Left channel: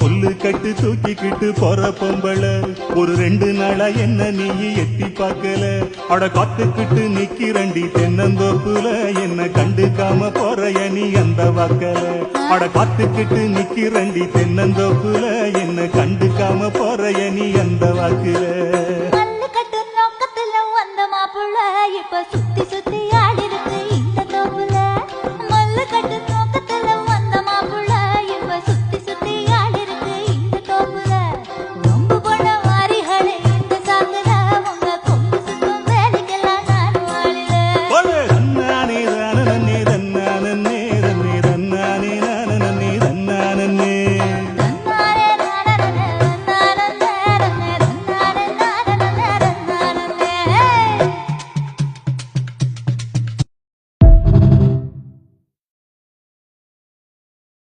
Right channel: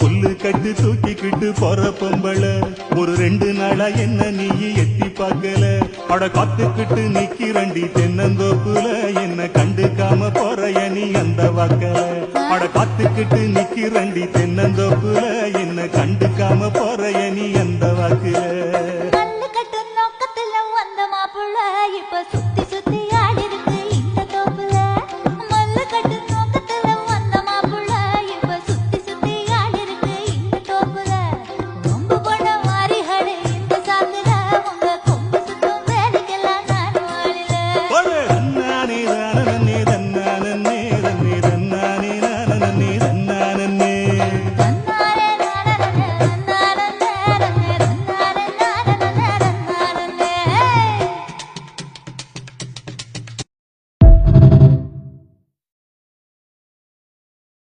புல்லு கட்டு தூக்கிக்கிட்டு போற பொம்பள ஒரு 2 நாளா என்ன நீ எட்டி பார்க்கல. அட காத்துக்கிட்டு நிக்கிறண்டி தென்னந்தோப்புல என்ன கண்டுக்காம போறைய நீ அந்த வாக்கல. அட காத்துக்கிட்டு நிக்கிறண்டி தென்னந்தோப்புல என்ன கண்டுக்காம போறைய நீ அந்த வாக்குல. மல்லு கட்டு நோக்கத்துல வந்த மாப்புள்ள இப்ப சுத்தி சுத்தி ஆடி இருக்கு இந்த தோப்புல. மல்லு கட்டு